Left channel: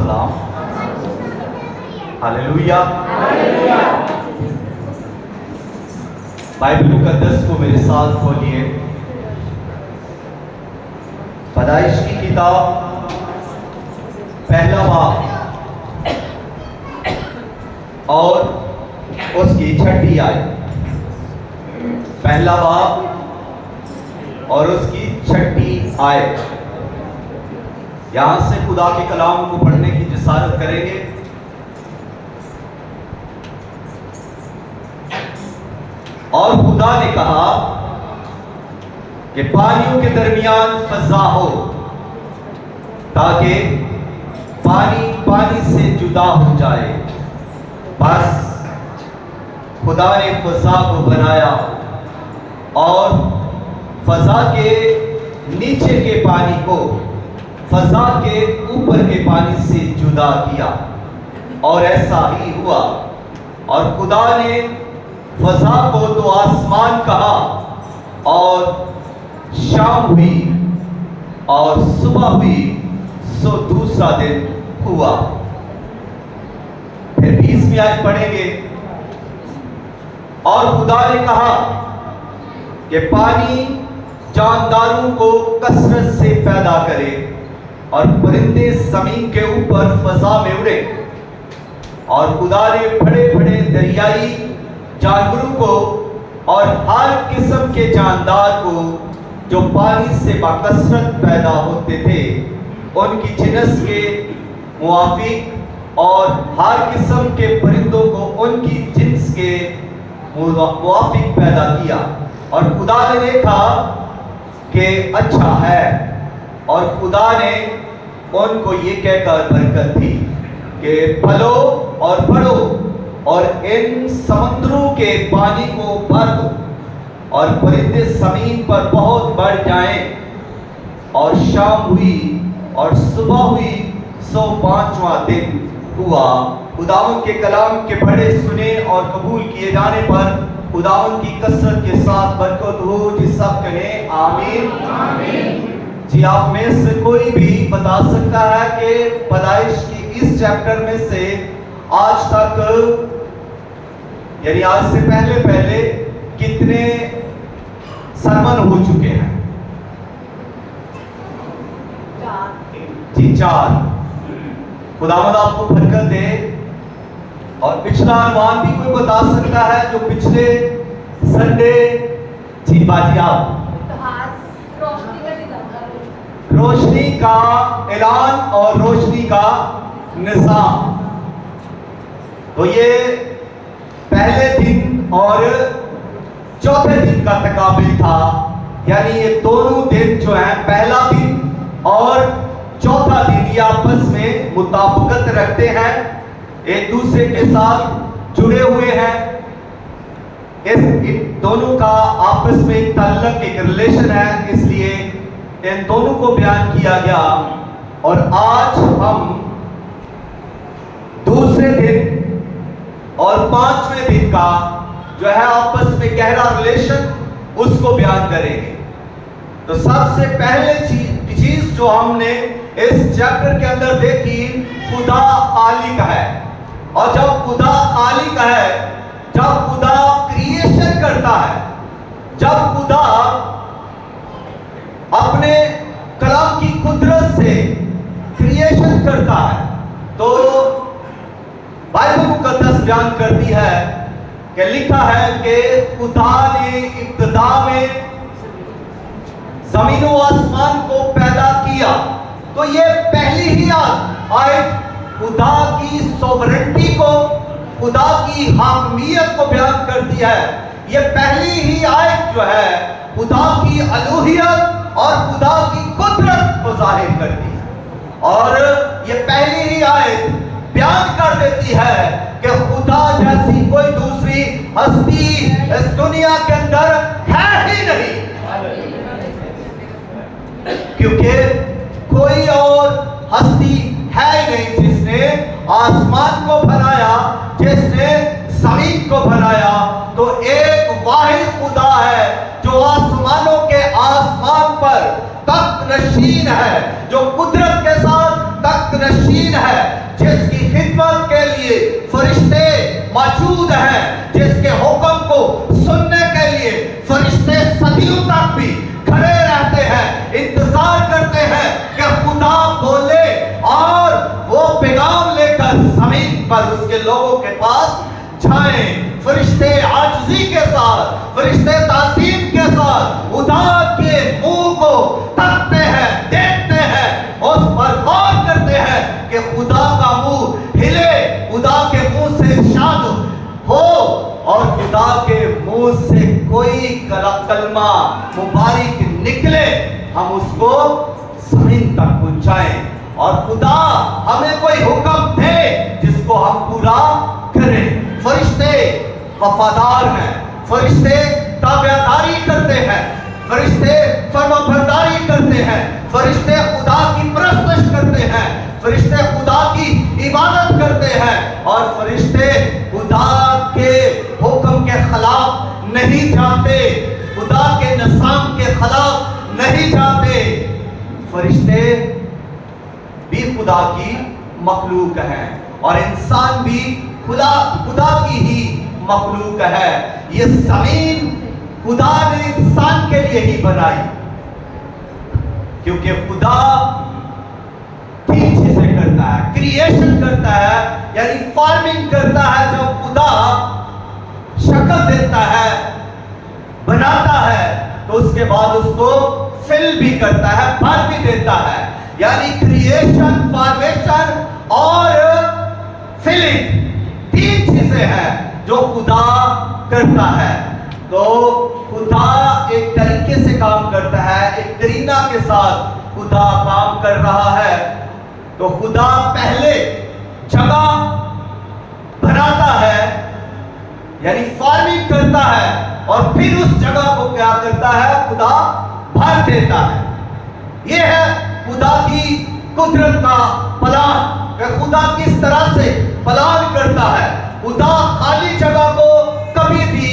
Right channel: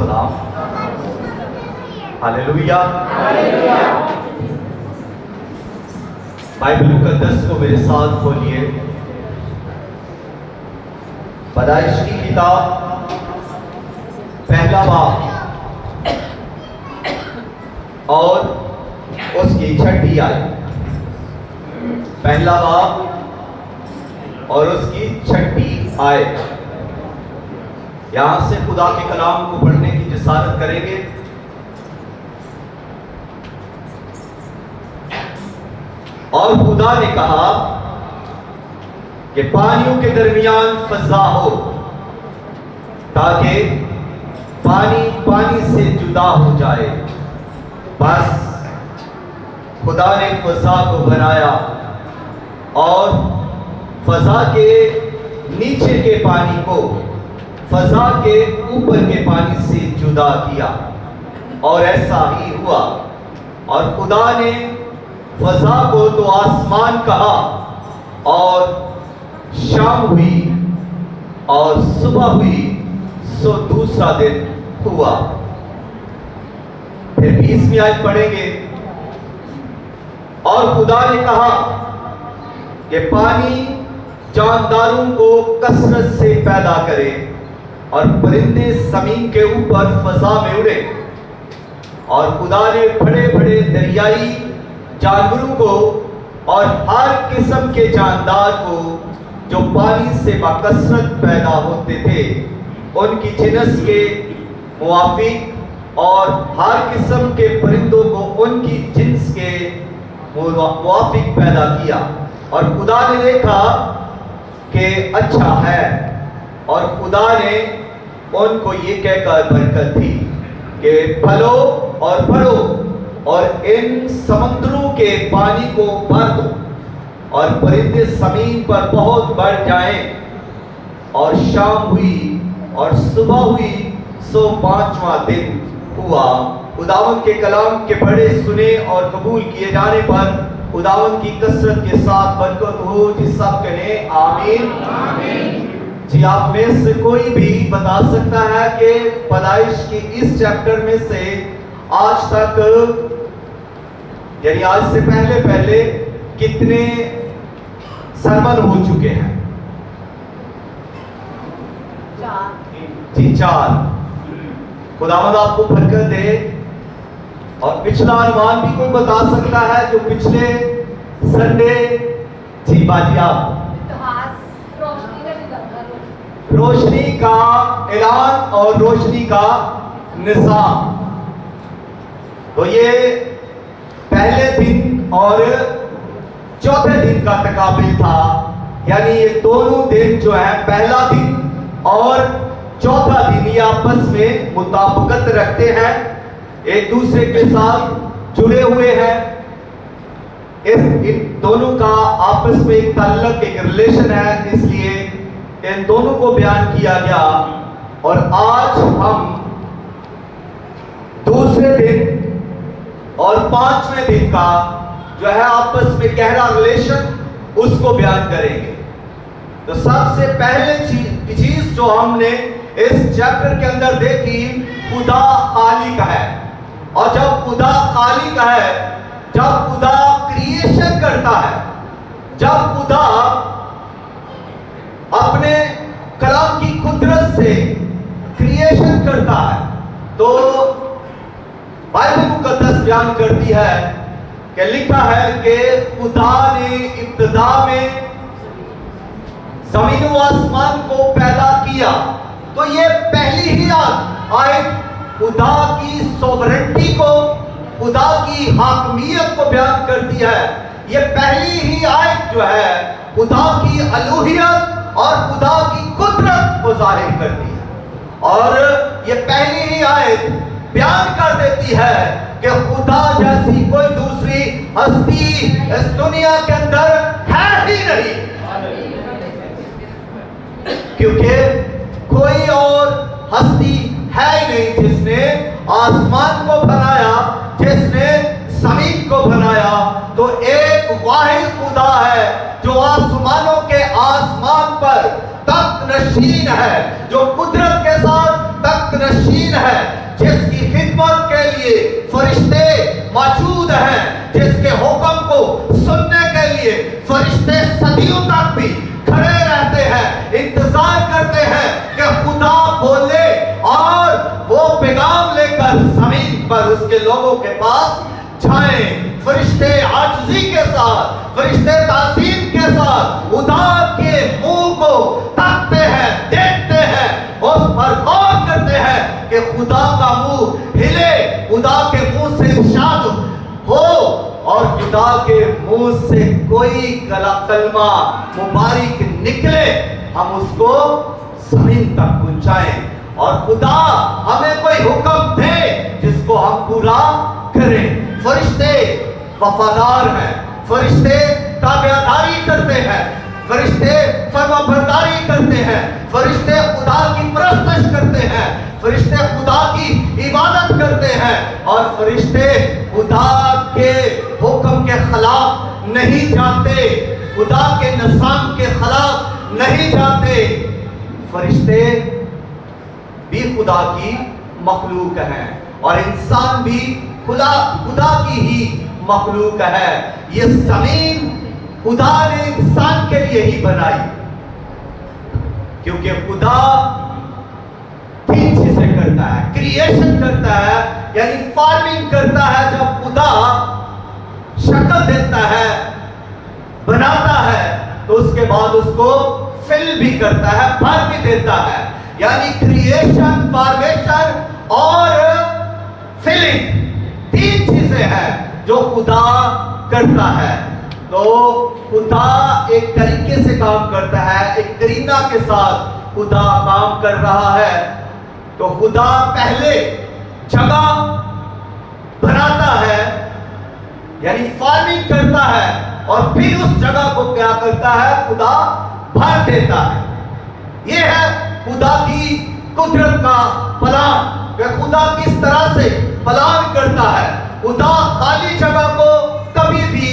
والسلام. ہاللیلویا. بائبل مقدس کو میرے ساتھ کھولیے. پیدائش کی کتاب پہلا باب اور اس کی 6 آیت. پہلا باب اور اس کی 6 آیت. یہاں سے خدا کے کلام کو پڑھنے کی جسارت کریں گے. اور خدا نے کہا کہ پانیوں کے درمیان فضا ہو تاکہ پانی پانی سے جدا ہو جائے. بس خدا نے فضا کو بنایا اور فضا کے نیچے کے پانی کو فضا کے اوپر کے پانی سے جدا کیا اور ایسا ہی ہوا. اور خدا نے فضا کو تو آسمان کہا اور شام ہوئی اور صبح ہوئی سو دوسرا دن ہوا. پھر 20ویں آیت پڑھیں گے. اور خدا نے کہا کہ پانی جانداروں کو کثرت سے پیدا کرے اور پرندے زمین کے اوپر فضا میں اڑے. اور خدا نے بڑے بڑے دریائی جانوروں کو اور ہر قسم کے جاندار کو جو پانی سے بکثرت پیدا ہوتے تھے ان کی جنس کے موافق اور ہر قسم کے پرندوں کو ان کی جنس کے موافق پیدا کیا. اور خدا نے دیکھا کہ اچھا ہے. اور خدا نے ان کو یہ کہہ کر برکت دی کہ پھلو اور بڑھو اور ان سمندروں کے پانی کو بھر دو اور پرندے زمین پر بہت بڑھ جائیں. اور شام ہوئی اور صبح ہوئی سو 5واں دن ہوا. خداوند کے کلام کے پڑھے سنے اور قبول کیے جانے پر خداوند کی کثرت کے ساتھ برکت ہو. جس سب کہیں آمین. جی آپ میں سے کوئی بھی بتا سکتا ہے کہ پیدائش کی اس چیپٹر میں سے آج تک یعنی آج سے پہلے کتنے سرمن ہو چکے ہیں؟ جی 4. خداوند آپ کو برکت دے. اور پچھلا عنوان بھی کوئی بتا سکتا ہے جو پچھلے سنڈے؟ جی باجی آپ. روشنی کا اعلان اور روشنی کا نظام. تو یہ پہلے دن اور چوتھے دن کا تقابل تھا. یعنی یہ دونوں دن جو ہیں پہلا دن اور چوتھا دن یہ آپس میں مطابقت رکھتے ہیں, ایک دوسرے کے ساتھ جڑے ہوئے ہیں. ان دونوں کا آپس میں ایک تعلق ایک ریلیشن ہے, اس لیے ان دونوں کو بیان کیا گیا. اور آج ہم دوسرے دن اور 5ویں دن کا جو ہے آپس میں گہرا ریلیشن اس کو بیان کریں گے. تو سب سے پہلے چیز جو ہم نے اس چیپٹر کے اندر دیکھی, خدا خالق ہے. اور جب خدا خالق ہے, جب خدا کریشن کرتا ہے, جب خدا اپنے کلام کی قدرت سے کریشن کرتا ہے, تو بائبل مقدس بیان کرتی ہے کہ لکھا ہے کہ خدا نے ابتدا میں زمین و آسمان کو پیدا کیا. تو یہ پہلی ہی آیت خدا کی سوورنٹی کو, خدا کی حاکمیت کو بیان کرتی ہے. یہ پہلی ہی آیت جو ہے خدا کی الوہیت اور خدا کی قدرت کو ظاہر کرتی ہے. اور یہ پہلی ہی آیت بیان کر دیتی ہے کہ خدا جیسی کوئی دوسری ہستی اس دنیا کے اندر ہے ہی نہیں, کیونکہ کوئی اور ہستی ہے ہی نہیں جس نے آسمان کو بنایا, جس نے زمین کو بنایا. تو ایک واحد خدا ہے جو آسمانوں کے آسمان پر تخت نشین ہے, جو قدرت کے ساتھ تخت تخت نشین ہے، جس کی خدمت کے لیے فرشتے موجود ہیں، جس کے حکم کو سننے کے لیے فرشتے صدیوں تک بھی کھڑے رہتے ہیں، انتظار کرتے ہیں کہ خدا بولے اور وہ پیغام لے کر زمین پر اس کے لوگوں کے پاس جائیں۔ فرشتے عاجزی کے ساتھ، فرشتے تعظیم کے ساتھ خدا کے منہ کو تاکتے ہیں، دیکھتے ہیں، اس پر غور کرتے ہیں کہ خدا کا منہ ہلے، خدا کے منہ سے ارشاد ہو اور خدا کے منہ سے کوئی کلمہ مبارک نکلے، ہم اس کو زمین تک پہنچائیں، اور خدا ہمیں کوئی حکم دے جس کو ہم پورا کریں۔ فرشتے وفادار ہیں، فرشتے تابعداری کرتے ہیں، فرشتے فرمانبرداری کرتے ہیں، فرشتے خدا کی پرستش کرتے ہیں، فرشتے خدا کی عبادت کرتے ہیں، اور فرشتے خدا کے حکم کے خلاف نہیں جاتے، خدا کے نظام کے خلاف نہیں جاتے۔ فرشتے بھی خدا کی مخلوق ہیں اور انسان بھی خدا کی ہی مخلوق ہے۔ یہ زمین خدا نے انسان کے لیے ہی بنائی، کیونکہ خدا تین چیزیں کرتا ہے، کریشن کرتا ہے یعنی فارمنگ کرتا ہے، جب خدا شکل دیتا ہے، بناتا ہے، تو اس کے بعد اس کو فل بھی کرتا ہے، بھر بھی دیتا ہے، یعنی کریشن، فارمیشن اور فلنگ تین چیزیں ہیں جو خدا کرتا ہے۔ تو خدا ایک طریقے سے کام کرتا ہے، ایک کرینہ کے ساتھ خدا کام کر رہا ہے۔ تو خدا پہلے جگہ بناتا ہے یعنی فارمنگ کرتا ہے، اور پھر اس جگہ کو کیا کرتا ہے؟ خدا بھر دیتا ہے۔ یہ ہے خدا کی قدرت کا پلان، کہ خدا کس طرح سے پلان کرتا ہے۔ خدا خالی جگہ کو کبھی بھی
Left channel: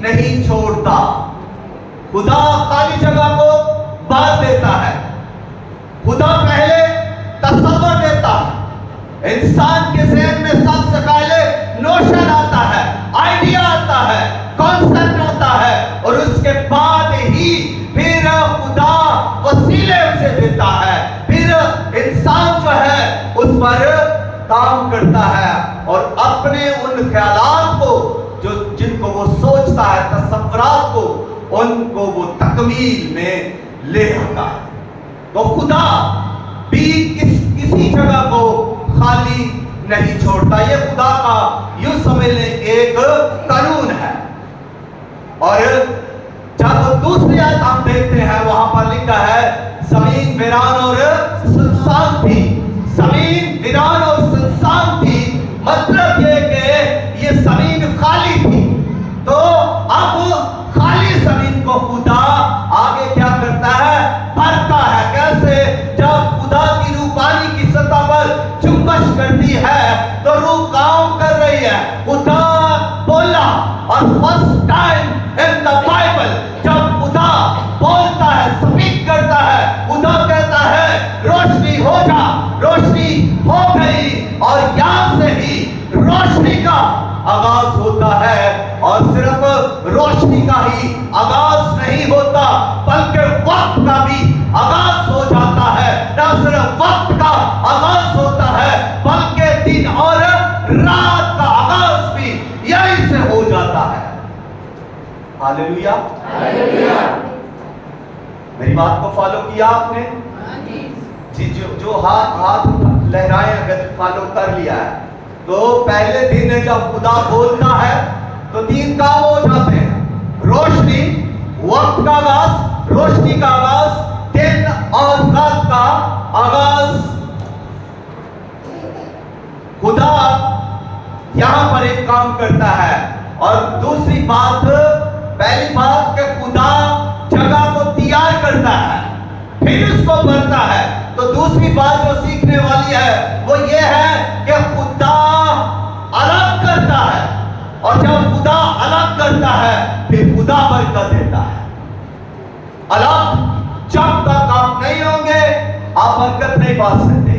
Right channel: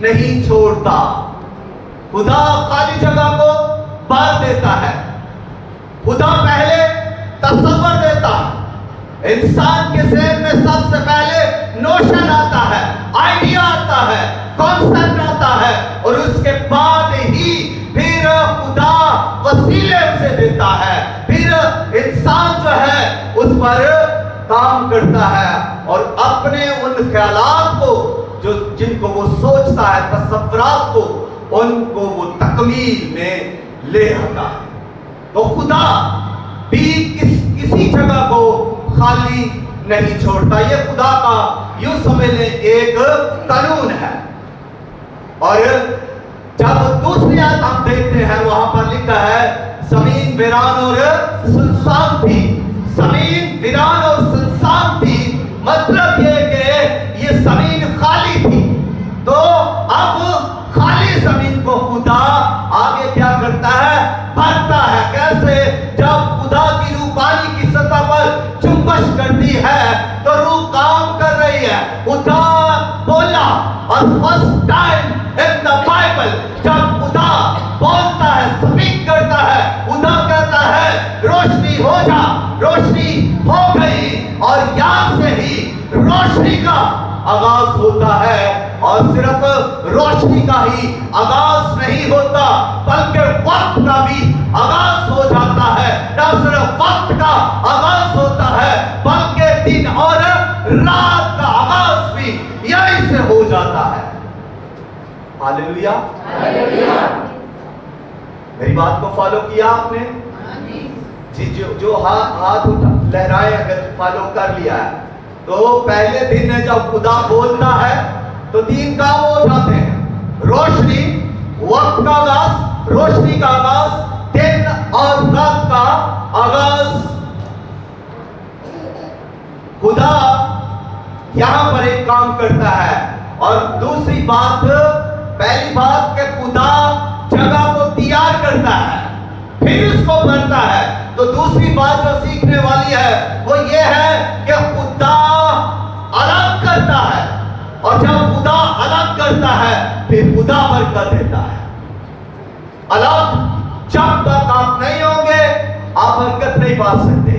نہیں چھوڑتا، خدا خالی جگہ کو بھر دیتا ہے۔ خدا پہلے تصور دیتا ہے، انسان کے ذہن میں سب سے پہلے نوشن آتا ہے، آئیڈیا آتا ہے، کانسیپٹ آتا ہے، اور اس کے بعد ہی پھر خدا وسیلے اسے دیتا ہے، پھر انسان جو ہے اس پر کام کرتا ہے، اور اپنے ان خیالات کو جن کو وہ سوچتا ہے، تصورات کو، ان کو وہ تکمیل میں لے آتا ہے۔ تو خدا بھی کسی جگہ کو خالی نہیں چھوڑتا، یہ خدا کا یوں سمجھ لیں ایک قانون ہے۔ اور جب دوسری آیت ہم دیکھتے ہیں، وہاں پر لکھا ہے زمین ویران اور سنسان تھی، زمین ویران اور سنسان تھی، مطلب یہ کہ یہ زمین خالی تھی۔ تو اب خالی زمین کو خدا آگے کیا کرتا ہے؟ بھرتا ہے۔ کیسے؟ جب خدا کی روح پانی کی سطح پر جنبش کرتی ہے تو روح کام کر رہی ہے۔ خدا بولا، اور first time in the Bible جب خدا بولتا ہے، سپیک کرتا ہے، خدا کہتا ہے روشنی ہو جا، روشنی ہو گئی، اور یہاں سے ہی روشنی کا آغاز ہوتا ہے۔ اور صرف روشنی کا ہی آغاز نہیں ہوتا، بلکہ وقت کا بھی آغاز ہو جاتا ہے۔ نہ صرف وقت کا آغاز ہوتا ہے، بلکہ دن اور رات کا آغاز بھی یہیں سے ہو جاتا ہے۔ ہاللویا، میری بات کو فالو کیا آپ نے؟ جی، جو ہاتھ لہرائے اگر فالو کر لیا ہے، تو پہلے دن ہے جب خدا بولتا ہے تو تین کام ہو جاتے ہیں: روشنی، وقت کا آغاز، روشنی کا آغاز، دن اور رات کا آغاز۔ خدا یہاں پر ایک کام کرتا ہے، اور دوسری بات، پہلی بات کہ خدا جگہ کو تیار کرتا ہے، پھر اس کو بھرتا ہے۔ تو دوسری بات جو سیکھنے والی ہے وہ یہ ہے کہ خدا الگ کرتا ہے، اور جب خدا الگ کرتا ہے پھر خدا برکت دیتا ہے۔ الگ جب تک آپ نہیں ہوں گے آپ برکت نہیں پا سکتے۔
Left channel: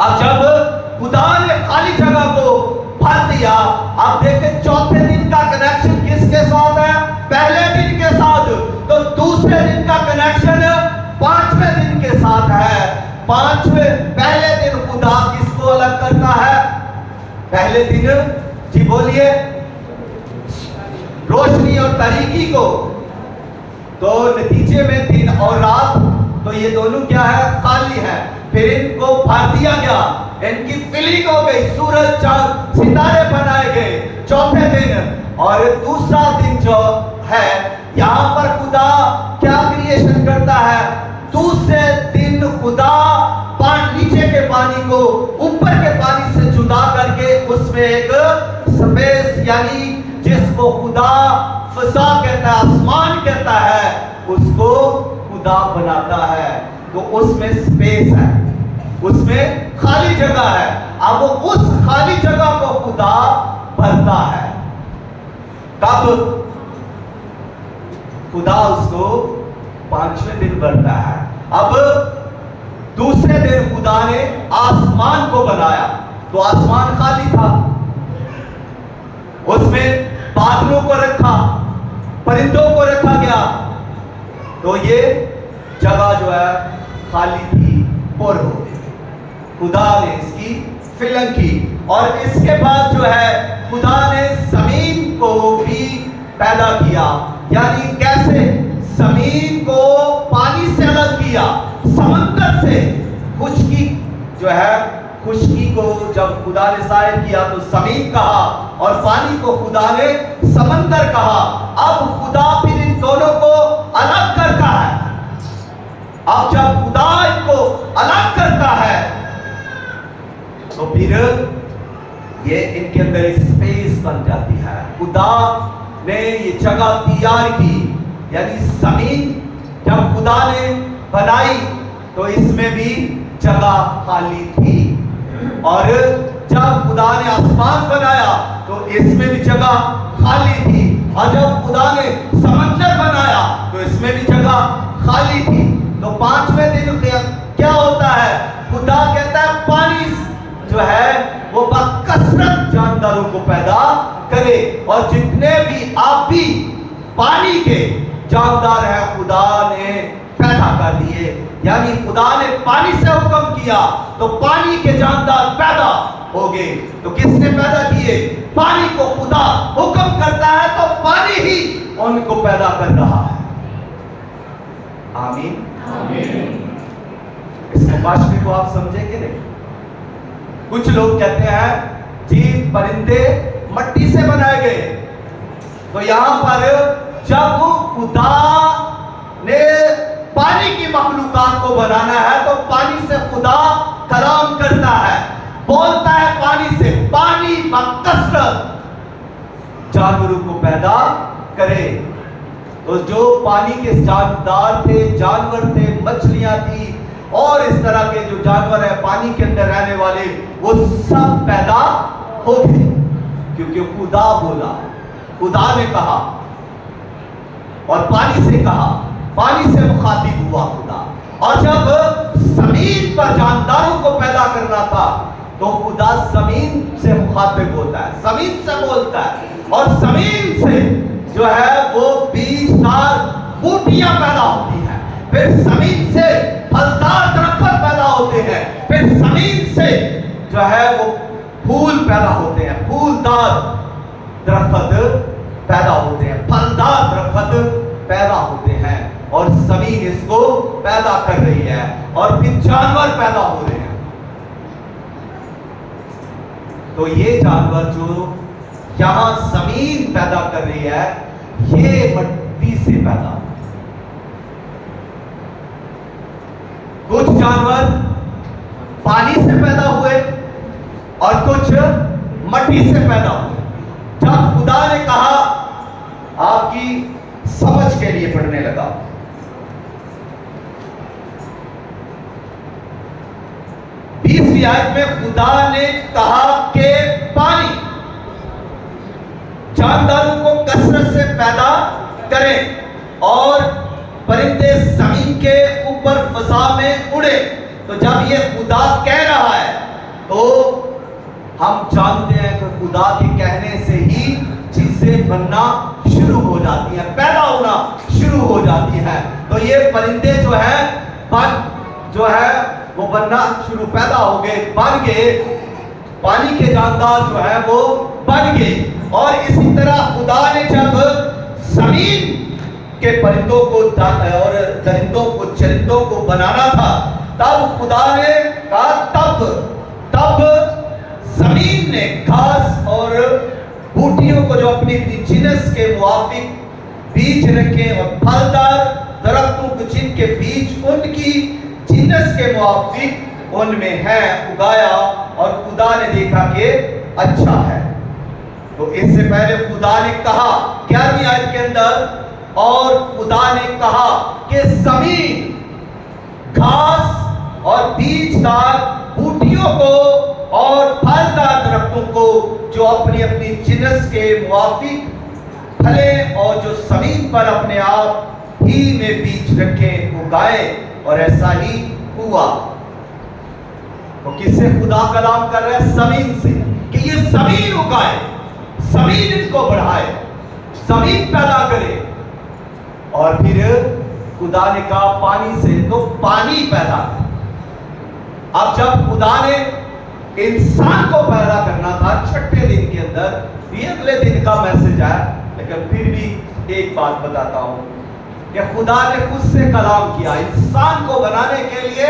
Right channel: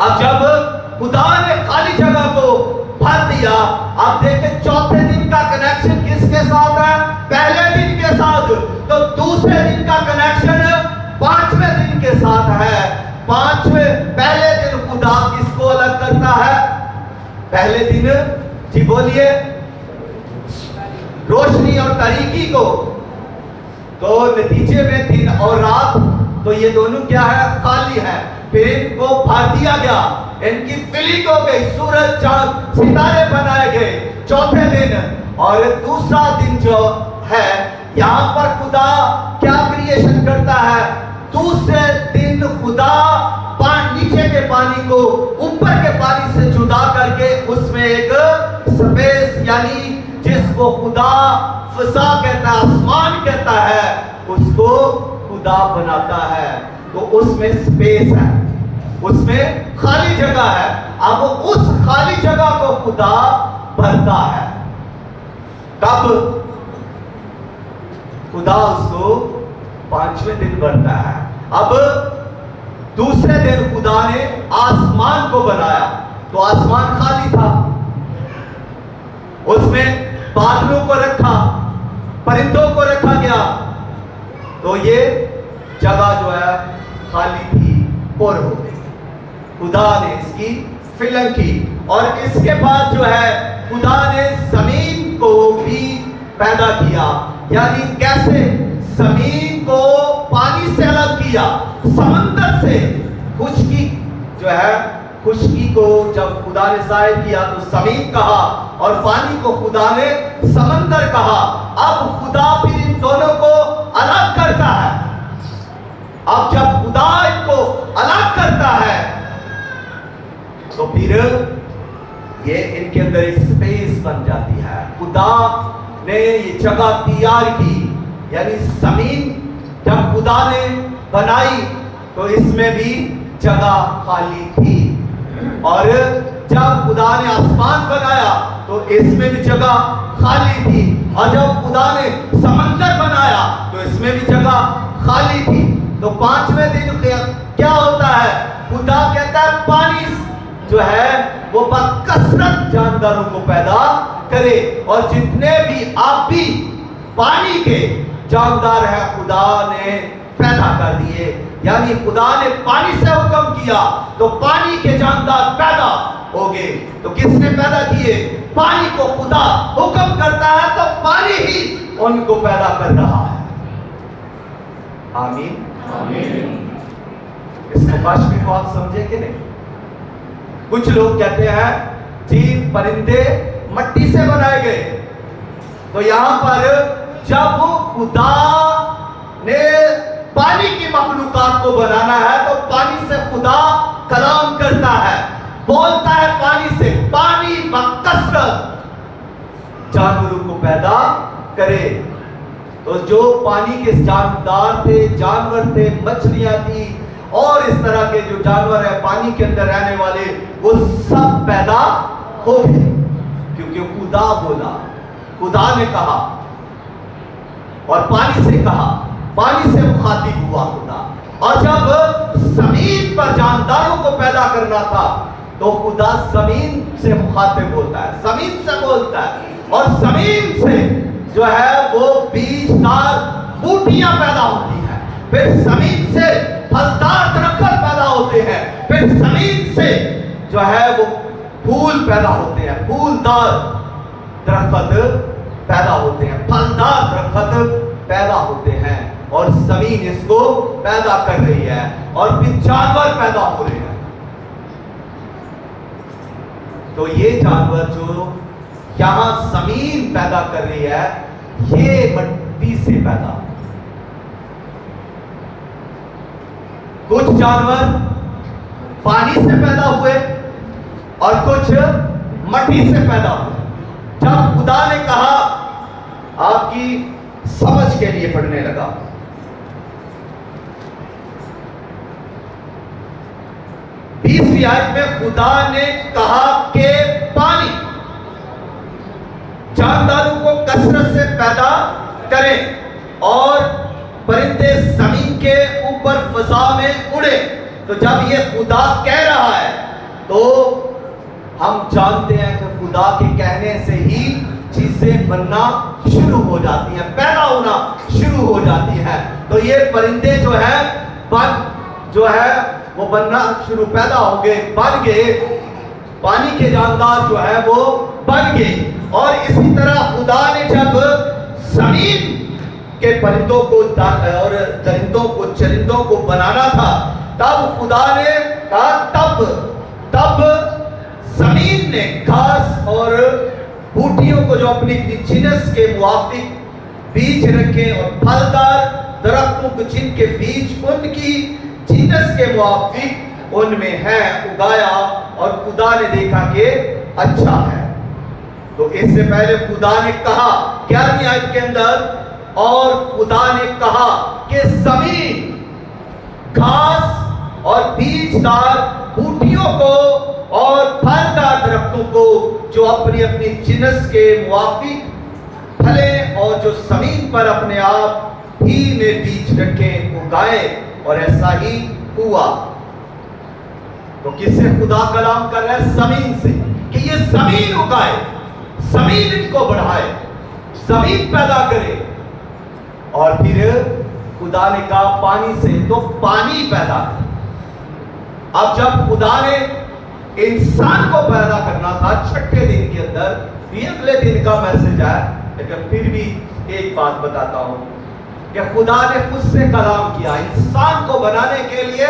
اب جب خدا نے خالی جگہ کو بھر دیا، آپ دیکھیں چوتھے دن کا کنیکشن کس کے ساتھ ہے؟ پہلے دن کے ساتھ. تو دوسرے دن کا کنیکشن پانچویں دن کے ساتھ ہے. پہلے دن خدا کس کو الگ کرتا ہے؟ پہلے دن، جی بولیے، روشنی اور تاریکی کو. تو نتیجے میں دن اور رات تو یہ دونوں کیا ہے؟ خالی ہے. پھر ان کو بھر دیا گیا، ان کی فلنگ ہو گئی، سورج چاند ستارے بنائے گئے چوتھے دن. اور دوسرا دن جو ہے، یہاں پر خدا کیا کریشن کرتا ہے؟ دوسرے دن خدا نیچے کے پانی کو اوپر کے پانی سے جدا کر کے اس میں ایک سپیس، یعنی جس کو خدا فضا کہتا ہے، آسمان کہتا ہے، اس کو خدا بناتا ہے. تو اس میں سپیس ہے، اس میں خالی جگہ ہے. اب اس خالی جگہ کو خدا بھرتا ہے. کب؟ خدا اس کو پانچویں دن بھرتا ہے. اب دوسرے دن خدا نے آسمان کو بنایا. تو آسمان خالی تھا، اس میں بادلوں کو رکھا، پرندوں کو رکھا گیا. تو یہ جگہ جو ہے خالی تھی، پر ہو گئی. خدا نے اس کی فلنگ کی. اور اس کے بعد جو ہے خدا نے زمین کو بھی پیدا کیا. یعنی کیسے؟ زمین کو پانی سے الگ کیا، سمندر سے. خشکی جو ہے، خشکی کو جب خدا نے ظاہر کیا تو زمین کہا، اور پانی کو خدا نے سمندر کہا. اب خدا پھر ان دونوں کو الگ کرتا ہے. اب جب خدا ان کو الگ کرتا ہے تو پھر یہ ان کے اندر ایک سپیس بن جاتی ہے. خدا نے یہ جگہ تیار کی. یعنی زمین جب خدا نے بنائی تو اس میں بھی جگہ خالی تھی. اور جب خدا نے آسمان بنایا تو اس میں بھی جگہ خالی تھی. اور جب خدا نے سمندر بنایا تو اس میں بھی جگہ خالی تھی. تو پانچویں دن کیا ہوتا ہے؟ خدا کہتا ہے پانی جو ہے وہ بکثرت جانداروں کو پیدا کرے. اور جتنے بھی آبی پانی کے جاندار ہیں خدا نے پیدا کر دیے. یعنی خدا نے پانی سے حکم کیا تو پانی کے جاندار پیدا ہو گئے. تو کس نے پیدا کیے؟ پانی کو خدا حکم کرتا ہے تو پانی ہی ان کو پیدا کر رہا ہے. آمین. اس مباشرے کو آپ سمجھیں کہ نہیں؟ کچھ لوگ کہتے ہیں جی پرندے مٹی سے بنائے گئے. تو یہاں پر جب خدا نے پانی کی مخلوقات کو بنانا ہے تو پانی سے خدا کلام کرتا ہے، بولتا ہے پانی سے. پانی بکثرت جانوروں کو پیدا کرے. تو جو پانی کے جاندار تھے، جانور تھے، مچھلیاں تھی اور اس طرح کے جو جانور ہیں پانی کے اندر رہنے والے، وہ سب پیدا ہو گئے. کیونکہ خدا بولا، خدا نے کہا اور پانی سے کہا، پانی سے مخاطب ہوا خدا. اور جب زمین پر جانداروں کو پیدا کرنا تھا تو خدا زمین سے مخاطب ہوتا ہے، زمین سے بولتا ہے. اور زمین سے جو ہے وہ بیج دار بوٹیاں پیدا ہوتی ہیں. پھر زمین سے پھلدار درخت پیدا ہوتے ہیں. پھر زمین سے جو ہے وہ پھول پیدا ہوتے ہیں، پھولدار درخت پیدا ہوتے ہیں، پھلدار درخت پیدا ہوتے ہیں. اور زمین اس کو پیدا کر رہی ہے اور پھر جانور پیدا ہو رہے ہیں. تو یہ جانور جو یہاں زمین پیدا کر رہی ہے یہ مٹی سے پیدا. کچھ جانور پانی سے پیدا ہوئے اور کچھ مٹی سے پیدا ہوئے. جب خدا نے کہا، آپ کی سمجھ کے لیے پڑھنے لگا، 20ویں آیت میں خدا نے کہا کہ پانی جانداروں کو کثرت سے پیدا کریں اور پرندے زمین کے اوپر فضا میں اڑے. تو جب یہ خدا کہہ رہا ہے تو ہم جانتے ہیں کہ خدا کے کہنے سے ہی چیزیں بننا شروع ہو جاتی ہیں، پیدا ہونا شروع ہو جاتی ہیں۔ تو یہ پرندے جو ہے وہ بننا شروع، پیدا ہو گئے، بن گئے، پانی کے جاندار جو ہے وہ بن گئے۔ اور اسی طرح خدا نے جب زمین کے پرندوں کو اور درندوں کو، چرندوں کو بنانا تھا، تب خدا نے کہا تب زمین نے گھاس اور بوٹیوں کو جو اپنی جنس کے موافق بیج رکھے، اور پھلدار درختوں کو جن کے بیج ان کی جنس کے موافق ان میں ہے، اگایا، اور خدا نے دیکھا کہ اچھا ہے۔ تو اس سے پہلے خدا نے کہا 11ویں آیت کے اندر، اور خدا نے کہا کہ زمین گھاس اور بیج دار بوٹیوں کو اور پھلدار درختوں کو جو اپنی اپنی جنس کے موافق پھلے، اور جو زمین پر اپنے آپ ہی میں بیج رکھے، اگائے، اور ایسا ہی ہوا۔ تو کس سے خدا کلام کر رہا ہے؟ زمین سے، کہ یہ زمین اگائے، زمین ان کو بڑھائے، زمین پیدا کرے۔ اور پھر خدا نے کہا پانی سے، تو پانی پیدا کرے۔ اب جب خدا نے انسان کو پیدا کرنا تھا 6 دن کے اندر، یہ اگلے دن کا میسج ہے، لیکن پھر بھی ایک بات بتاتا ہوں کہ خدا نے خود سے کلام کیا۔ انسان کو بنانے کے لیے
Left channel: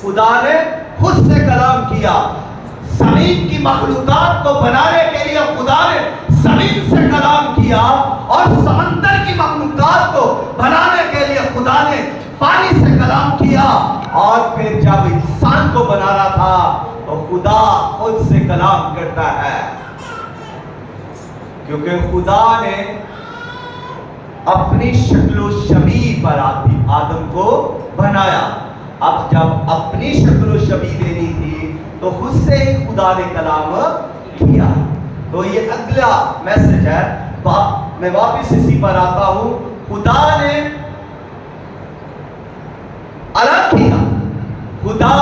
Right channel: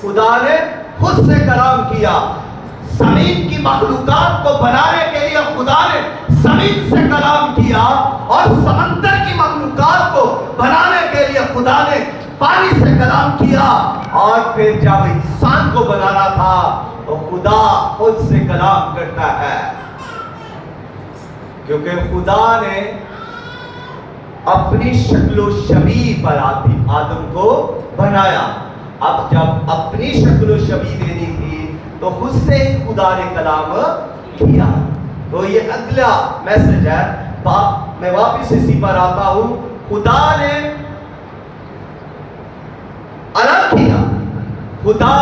خدا نے خود سے کلام کیا۔ زمین کی مخلوقات کو بنانے کے لیے خدا نے زمین سے کلام کیا، اور سمندر کی مخلوقات کو بنانے کے لیے خدا نے پانی سے کلام کیا۔ اور پھر جب انسان کو بنانا تھا تو خدا خود سے کلام کرتا ہے، کیونکہ خدا نے اپنی شکل و شبیہ پر آدم کو بنایا۔ اب جب اپنی شکل و شبیہ دینی تھی تو خود سے ہی خدا نے کلام کیا۔ تو یہ اگلا میسج ہے۔ میں واپس اسی پر آتا ہوں۔ خدا نے الگ کیا۔ خدا،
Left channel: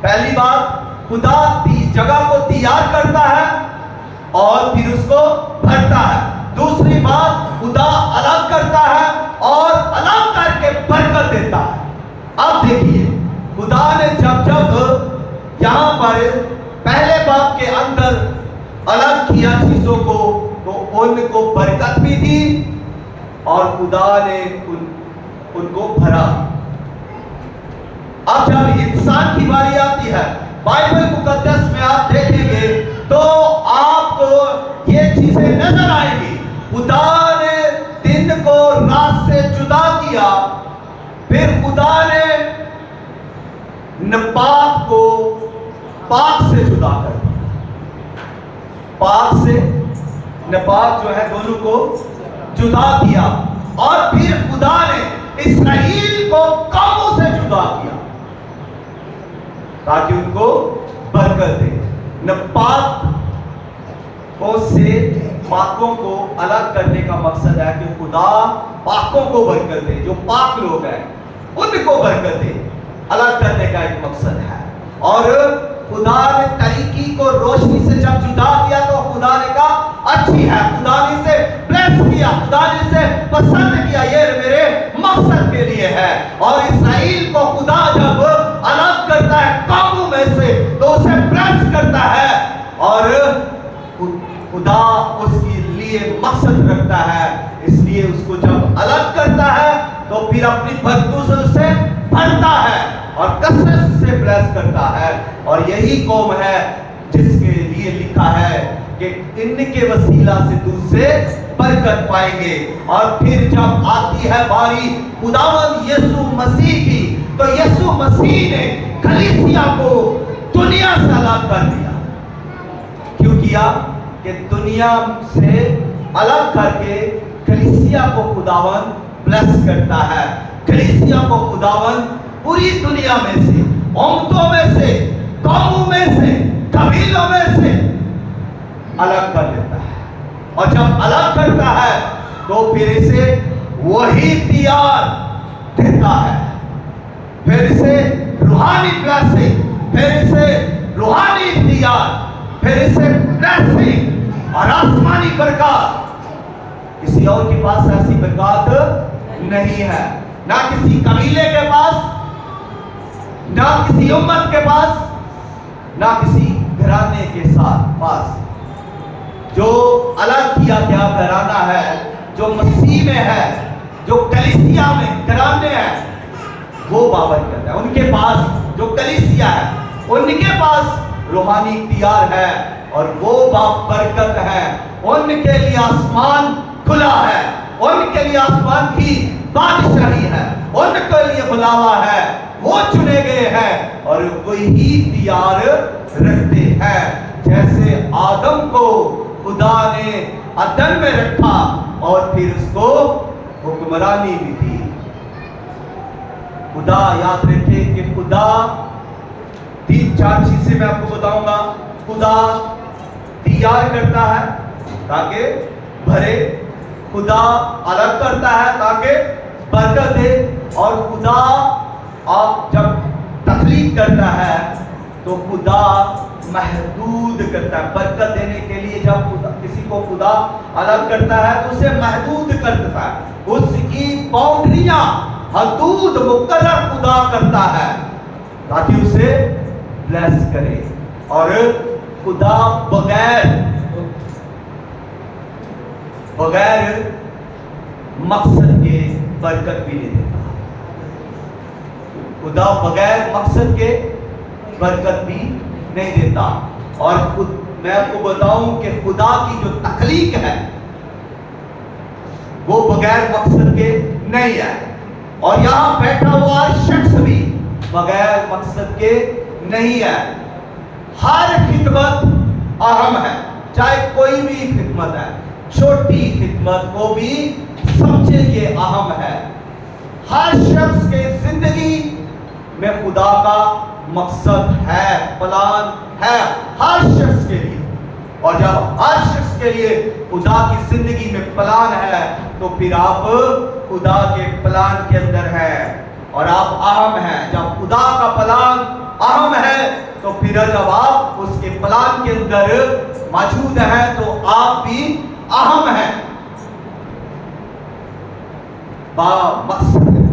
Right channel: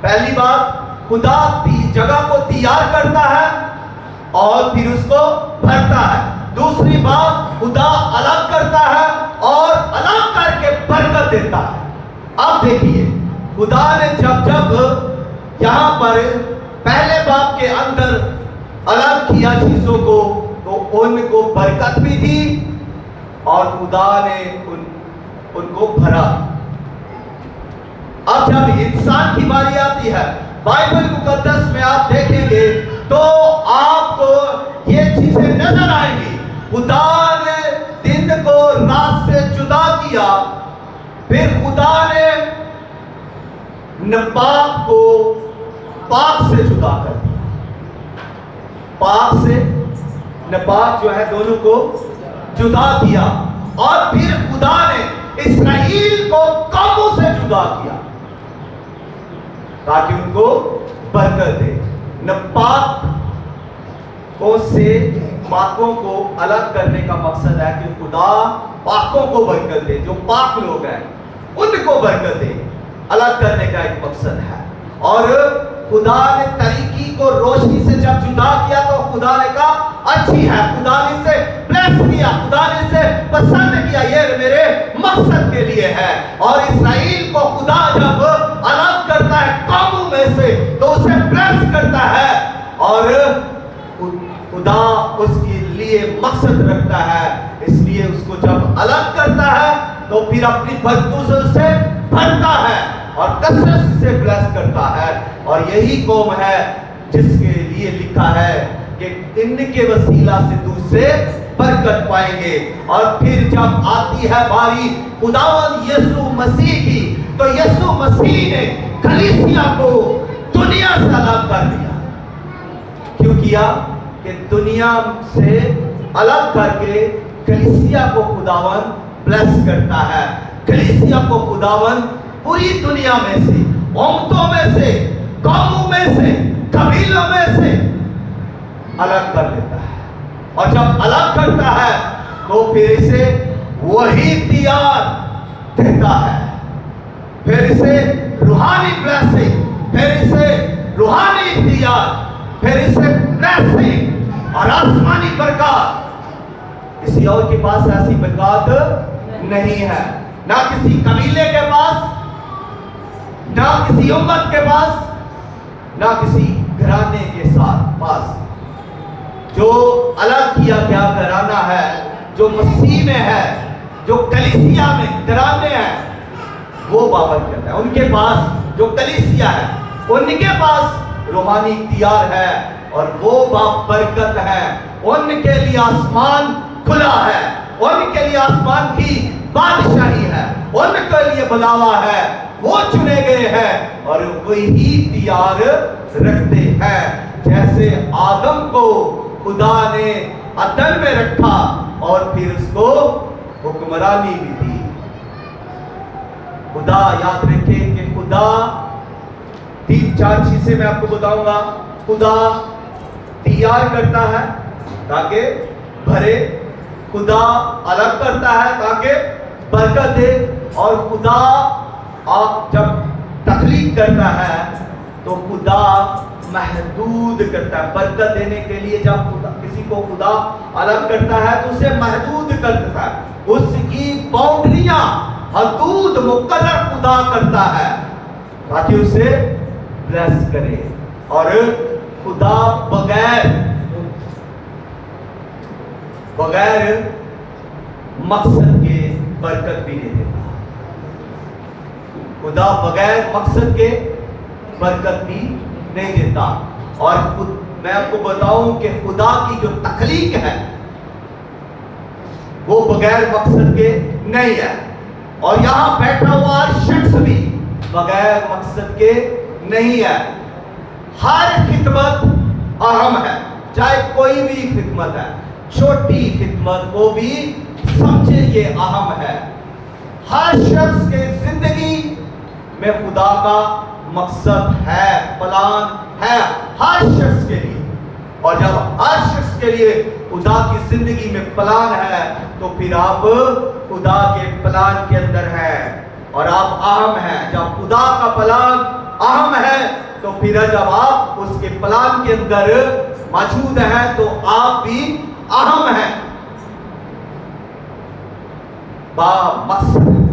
پہلی بات، خدا جگہ کو تیار کرتا ہے اور پھر اس کو بھرتا ہے۔ دوسری بات، خدا الگ کرتا ہے اور الگ کر کے برکت دیتا ہے۔ اب دیکھیے، خدا نے جب یہاں پر پہلے باب کے اندر الگ کیا چیزوں کو، تو ان کو برکت بھی دی اور خدا نے ان کو بھرا۔ اب جب انسان کی باری آتی ہے، بائبل مقدس میں آپ دیکھیں گے تو آپ کو یہ چیزیں نظر آئیں گی۔ خدا نے دن کو رات سے جدا کیا، پھر خدا نے ناپاک کو پاک سے جدا کر دیا۔ پاک سے ناپاک جو ہے دونوں کو جدا کیا، اور پھر خدا نے اسرائیل کو قوموں سے جدا کیا تاکہ ان کو برکت دے۔ ناپاک کو سے پاکوں کو الگ کرنے کا مقصد ہے کہ خدا پاکوں کو برکت دے، جو پاک لوگ ہیں ان کو برکت دے، الگ کرنے کا ایک مقصد ہے۔ اور خدا نے تاریکی کو روشنی سے جب جدا کیا تو خدا نے کہا اچھی ہے، خدا نے اسے بلیس کیا، خدا نے اسے پسند کیا، یہ میرے مقصد کے لیے ہے۔ اور اسرائیل کو خدا جب الگ کرتا ہے قوموں میں سے تو اسے بلیس کرتا ہے، اور خدا اس کے لیے مقصد رکھتا ہے، اس لیے اس کو جب الگ کرتا ہے تو پھر اپنی برکتوں سے بھرتا ہے اور کثرت سے بلیس کرتا ہے۔ اور یہی قوم ہے جس کے لیے لکھا ہے کہ ان کے وسیلہ سے دوسرے برکت پائیں گے۔ اور پھر جب آتی ہے باری خداوند یسوع مسیح کی، تو یسوع مسیح نے کلیسیا کو دنیا سے الگ کر دیا۔ کیوں کیا؟ کہ دنیا سے الگ کر کے کلیسیا کو خداوند بلیس کرتا ہے۔ کلیسیا کو خداوند پوری دنیا میں سے، امتوں میں سے، قوموں میں سے، قبیلوں میں سے الگ کر دیتا ہے۔ اور جب الگ کرتا ہے تو پھر اسے وہی اختیار دیتا ہے، پھر اسے روحانی بلیسنگ، پھر اسے روحانی ایسے اور آسمانی برکات کسی اور کے پاس ایسی برکات نہیں ہے، نہ کسی قبیلے کے پاس، نہ کسی امت کے پاس، نہ کسی گھرانے کے ساتھ پاس۔ جو الگ کیا گیا گھرانہ ہے، جو مسیح میں ہے، جو کلیسیا میں گھرانے ہیں، وہ بابرکت ہے۔ ان کے پاس جو کلیسیا ہے، ان کے پاس روحانی اختیار ہے اور وہ بابرکت ہے۔ ان کے لیے آسمان کھلا ہے، ان کے لیے آسمان کی بادشاہی ہے، ان کے لیے بلاوا ہے، وہ چنے گئے ہیں اور وہی اختیار رکھتے ہیں۔ جیسے آدم کو خدا نے عدن میں رکھا اور پھر اس کو حکمرانی بھی دی۔ خدا یاد رکھے کہ خدا 3-4 چیزیں میں آپ کو بتاؤں گا۔ خدا تیار کرتا ہے تاکہ بھرے، خدا الگ کرتا ہے تاکہ برکت دے، اور خدا آپ جب تخلیق کرتا ہے تو خدا محدود کرتا ہے برکت دینے کے لیے۔ جب کسی کو خدا الگ کرتا ہے تو اسے محدود کرتا ہے، اس کی باؤنڈریاں حدود مقرر خدا کرتا ہے تاکہ اسے بلیس کرے۔ اور خدا بغیر مقصد کے برکت بھی نہیں دیتا۔ خدا بغیر مقصد کے برکت بھی نہیں دیتا۔ اور میں آپ کو بتاؤں کہ خدا کی جو تخلیق ہے وہ بغیر مقصد کے نہیں ہے، اور یہاں بیٹھا ہوا شخص بھی بغیر مقصد کے نہیں ہے۔ ہر خدمت اہم ہے، چاہے کوئی بھی خدمت ہے، چھوٹی خدمت کو بھی سمجھے یہ اہم ہے۔ ہر شخص کے زندگی میں خدا کا مقصد ہے، پلان ہے ہر شخص کے لیے، اور جب ہر شخص کے لیے خدا کی زندگی میں پلان ہے تو پھر آپ خدا کے پلان کے اندر ہیں اور آپ اہم ہیں۔ جب خدا کا پلان اہم ہے تو پھر جب آپ اس کے پلان کے اندر موجود ہیں تو آپ بھی اہم ہیں، با مقصد ہے۔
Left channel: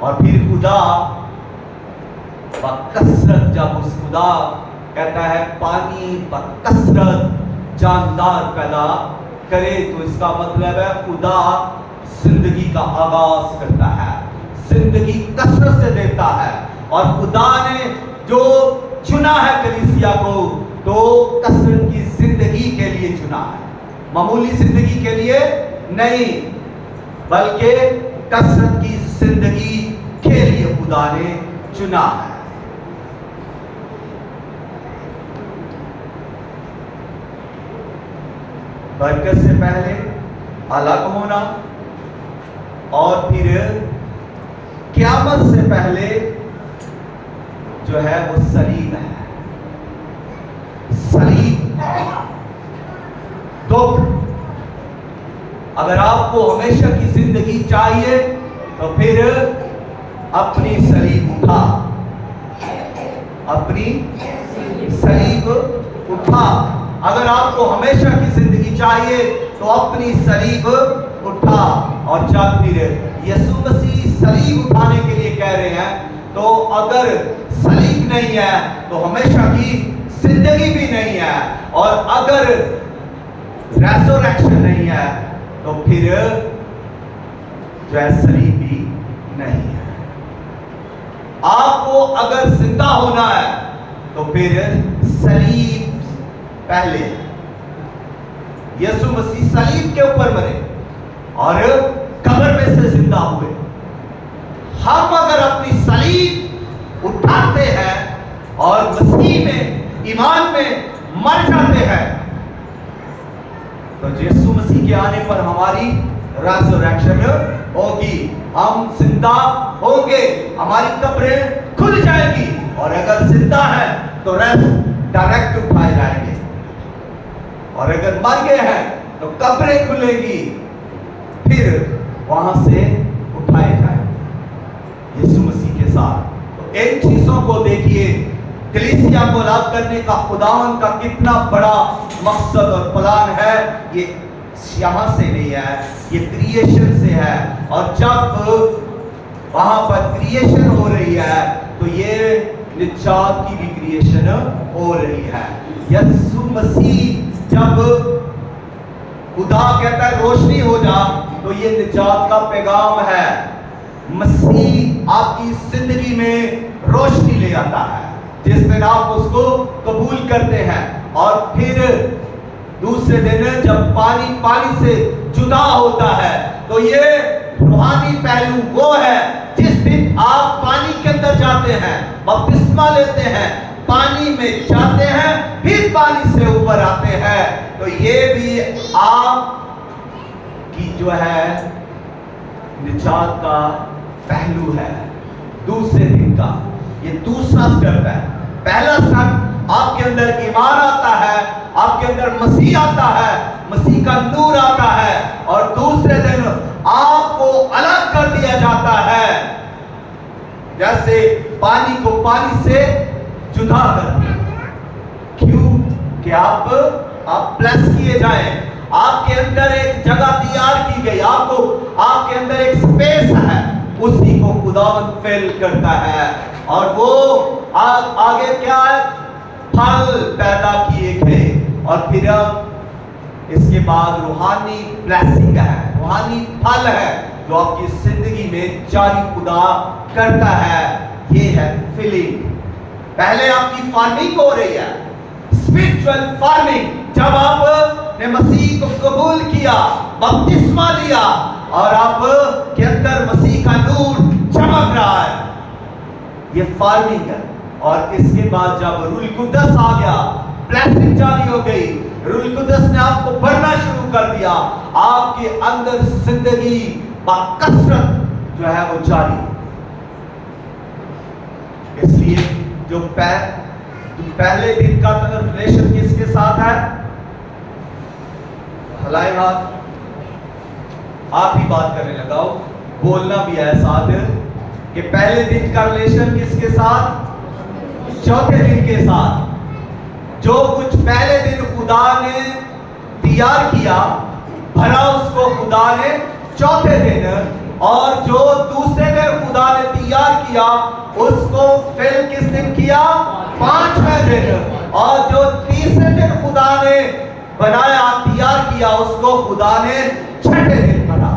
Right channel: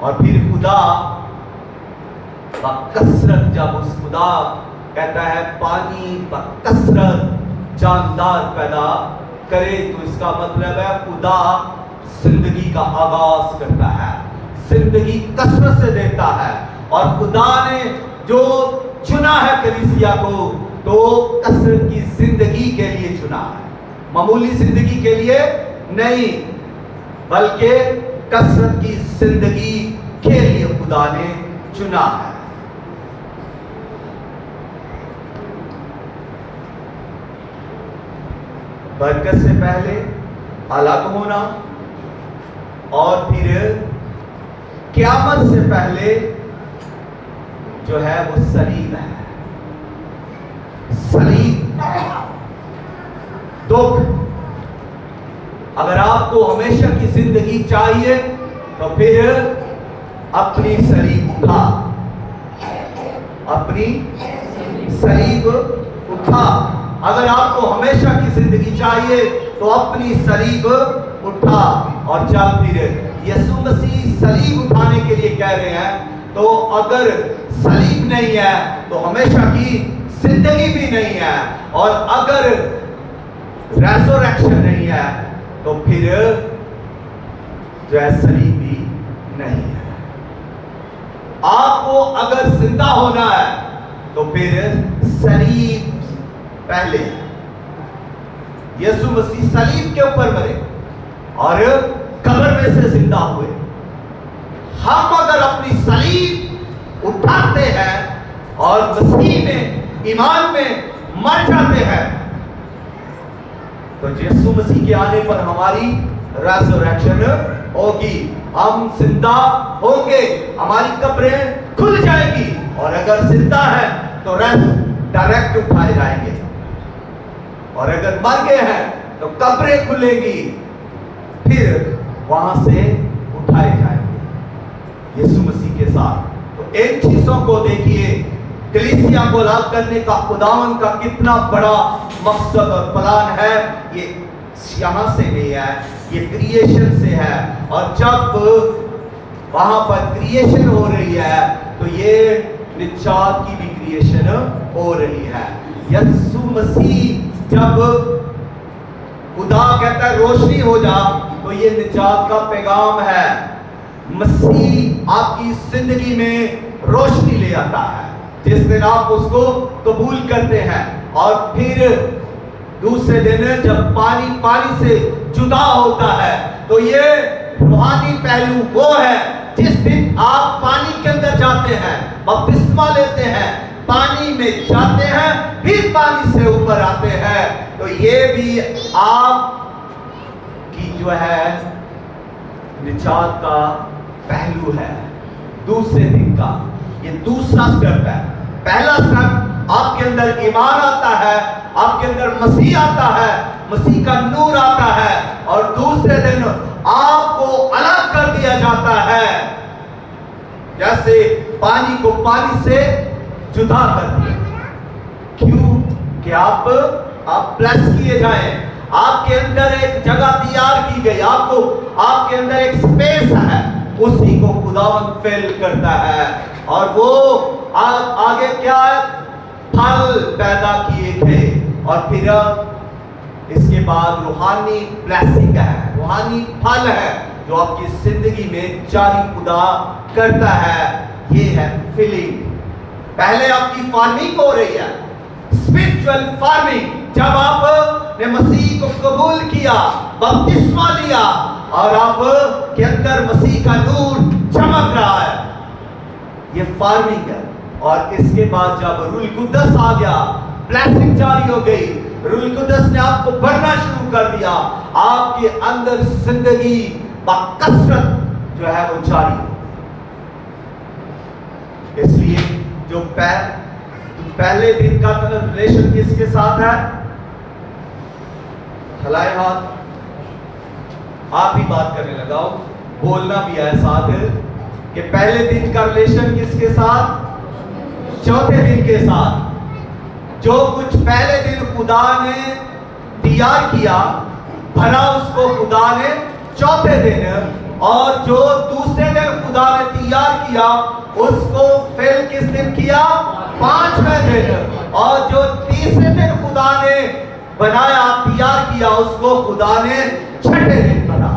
اور پھر خدا بکثرت، جب اس خدا کہتا ہے پانی بکثرت جاندار پیدا کرے تو اس کا مطلب ہے خدا زندگی کا آغاز کرتا ہے، زندگی کثرت سے دیتا ہے۔ اور خدا نے جو چنا ہے کلیسیا کو تو کثرت کی زندگی کے لیے چنا ہے، معمولی زندگی کے لیے نہیں بلکہ کثرت کی زندگی کے لیے خدا نے چنا ہے۔ برکت سے پہلے الگ ہونا، اور پھر قیامت سے پہلے جو ہے وہ صلیب ہے۔ صلیب دکھ۔ اگر آپ کو ہمیشہ کی زندگی چاہیے تو پھر اپنی صلیب اٹھا، اپنی صلیب اٹھا۔ اگر آپ کو ہمیشہ کی زندگی چاہیے تو اپنی صلیب اٹھا، اور جب پھر یسوع مسیح صلیب اٹھانے کے لیے کہہ رہے ہیں تو اگر صلیب نہیں ہے تو ہمیشہ کی زندگی بھی نہیں ہے، اور اگر ریزوریکشن نہیں ہے تو پھر جو ہے صلیب بھی نہیں ہے۔ آپ کو اگر زندہ ہونا ہے تو پھر صلیب پہلے ہے۔ یسوع مسیح صلیب کے اوپر مرے اور قبر میں سے زندہ ہوئے۔ ہم اگر اپنی صلیب اٹھاتے ہیں اور مسیح میں ایمان میں مر جاتے ہیں تو یسوع مسیح کے آنے پر ہماری ریزوریکشن ہوگی، ہم زندہ ہوں گے، ہماری قبریں کھل جائیں گی، اور اگر زندہ ہے تو ڈائریکٹ اٹھائے جائیں گے، اور اگر مر گئے ہیں تو قبریں کھلیں گی، پھر وہاں سے اٹھائے جائیں گے یسوع مسیح کے ساتھ۔ تو ان چیزوں کو دیکھیے کلیسیا کو الگ کرنے کا خداوند کا کتنا بڑا مقصد اور پلان ہے، یہ یہاں سے نہیں ہے، یہ کریشن سے ہے. اور جب وہاں پر کریشن ہو رہی ہے تو یہ نجات کی بھی کریشن ہو رہی ہے. یسوع مسیح جب خدا کہتا ہے روشنی ہو جا تو یہ نجات کا پیغام ہے. مسیح آپ کی زندگی میں روشنی لے آتا ہے جس دن آپ اس کو قبول کرتے ہیں. اور پھر دوسرے دن جب پانی سے جدا ہوتا ہے تو یہ روحانی پہلو وہ ہے جس دن آپ پانی کے اندر جاتے ہیں، بپتسمہ لیتے ہیں، پانی میں جاتے ہیں، پھر پانی سے اوپر آتے ہیں، تو یہ بھی آپ کی جو ہے نجات کا پہلو ہے دوسرے دن کا. یہ دوسرا سٹیپ ہے. پہلا سٹیپ آپ کے اندر ایمان آتا ہے، آپ کے اندر مسیح آتا ہے، مسیح کا نور آتا ہے، اور دوسرے دن آپ کو الگ کر دیا جاتا ہے جیسے پانی کو پانی سے جدا کر دیا. کیوں کہ آپ بلیس کیے جائیں. آپ کے اندر ایک جگہ تیار کی گئی، آپ کے اندر ایک سپیس ہے، اسی کو خداوند فل کرتا ہے. اور وہ آگے کیا ہے؟ پھل پیدا کیے گئے. اور پھر اس کے بعد روحانی بلیسنگ ہے، روحانی پھل ہے جو آپ کی زندگی میں جاری خدا کرتا ہے. یہ ہے فلنگ. پہلے آپ کی فارمنگ ہو رہی ہے، اسپرچوئل فارمنگ. جب آپ نے مسیح کو قبول کیا، بپتسمہ لیا، اور آپ کے اندر مسیح کا نور چمک رہا ہے، یہ فارمنگ ہے. اور اس کے بعد جب روح القدس آ گیا، بلیسنگ جاری ہو گئی، روح القدس نے آپ کو بڑھنا شروع کر دیا، آپ کے اندر زندگی بکثرت جو ہے وہ جاری. اس لیے جو پہلے دن کا ریلیشن کس کے ساتھ ہے؟ ہلائے ہاتھ. آپ ہی بات کرنے لگا ہو، بولنا بھی ہے ساتھ کہ پہلے دن کا ریلیشن کس کے ساتھ؟ چوتھے دن کے ساتھ. جو کچھ پہلے دن خدا نے تیار کیا، بھرا اس کو خدا نے چوتھے دن، اور جو دوسرے دن خدا نے تیار کیا اس کو فل کس دن کیا؟ پانچویں دن. اور جو تیسرے دن خدا نے بنایا، تیار کیا، اس کو خدا نے چھٹے دن بنا.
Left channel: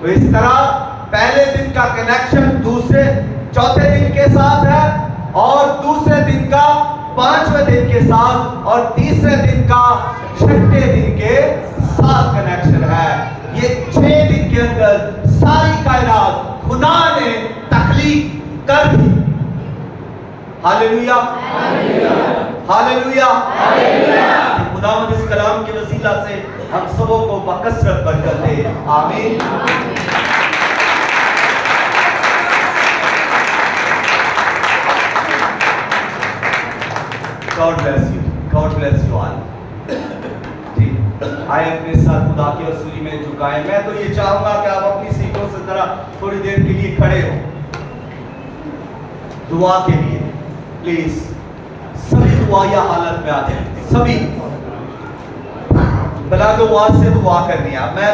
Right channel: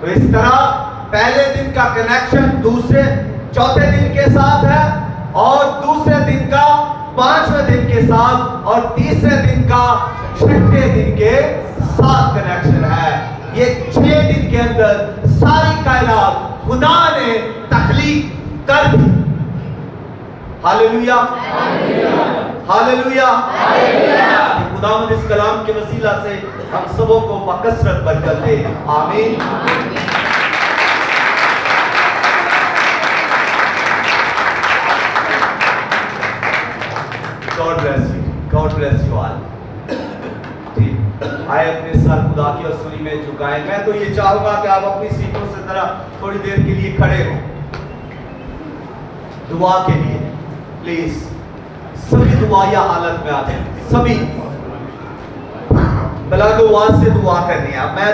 تو اس طرح پہلے دن کا کنیکشن چوتھے دن کے ساتھ ہے، اور دوسرے دن کا پانچویں دن کے ساتھ، اور تیسرے دن کا چھٹے دن کے ساتھ کنیکشن ہے. یہ 6 دن کے اندر ساری کائنات خدا نے تخلیق کر دی. Hallelujah, hallelujah. خداوند اس کلام کے وسیلہ سے ہم سبوں کو بکثرت برکت دے. آمین. God bless you. God bless you all. جی آئے اپنے سر خدا کی حضوری میں جھکائیں. میں تو یہ چاہوں گا کہ آپ اپنی سیٹوں سے ذرا تھوڑی دیر کے لیے کھڑے ہوں دعا کے لیے. پلیز سبھی دعا یا حالت میں آ جائیں. سبھی بلا دعا سے دعا کرنی ہے. میں